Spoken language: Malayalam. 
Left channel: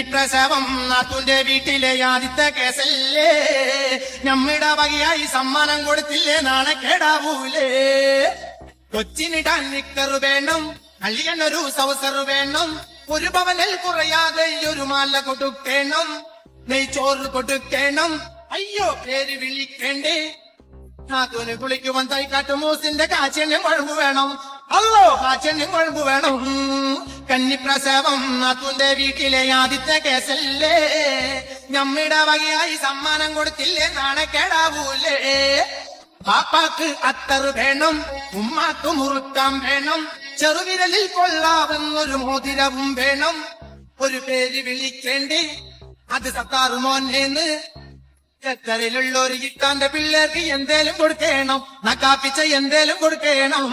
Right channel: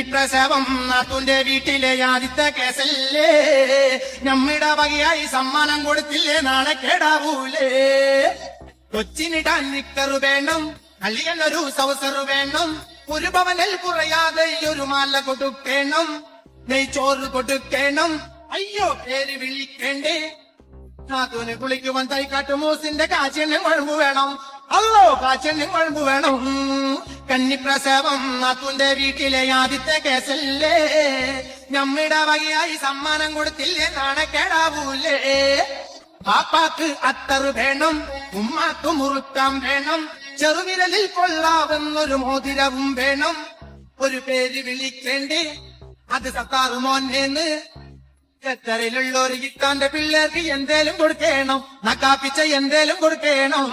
പ്രസവം നാത്തൂന്റെ വീട്ടിലെ ആദ്യത്തെ കേസല്ലേ, നമ്മിട വകയായി സമ്മാനം കൊടുത്തില്ലേ, നാണക്കേടാവൂലേ. കൊച്ചിനിടാൻ നിക്കറ് വേണം, അളിയനൊരു സവസറ് വേണം, ഒരു പവനിൽ കുറയാതെ ഒരു മാല കൊടുക്കണം, നെയ്ച്ചോറ് കൊടുക്കണം, അയ്യോ പേര് വിളിക്കണ്ടേ. നാത്തൂന് കുളിക്കുവാൻ തൈക്കാട്ട് മൂസിന്റെ കാച്ചനും കുഴമ്പ് വേണം, അല്ലോ കാച്ചനും കുഴമ്പ് വേണം. കന്നിപ്രസവം നാത്തൂന്റെ വീട്ടിലെ ആദ്യത്തെ കേസല്ലേ, നമ്മിട വകയായി സമ്മാനം കൊടുത്തില്ലേ, നാണക്കേടാവൂലേ. പാപ്പാക്ക് അത്തറ് വേണം, ഉമ്മാക്ക് മുറുക്കാൻ വേണം, ചെറുവിരലിൽ കൊള്ളാവുന്നൊരു മോതിരവും വേണം, ഒരു പേര് വിളിക്കേണ്ടേ, അത് സത്താറ് മോന്നേന്ന്. ഖത്തറിലുള്ള ഒരു ഇത്താന്റെ പിള്ളേർക്ക് എന്തേലും കൊടുക്കണം, നക്കാപ്പിച്ച എന്തേലും കൊടുക്കണം.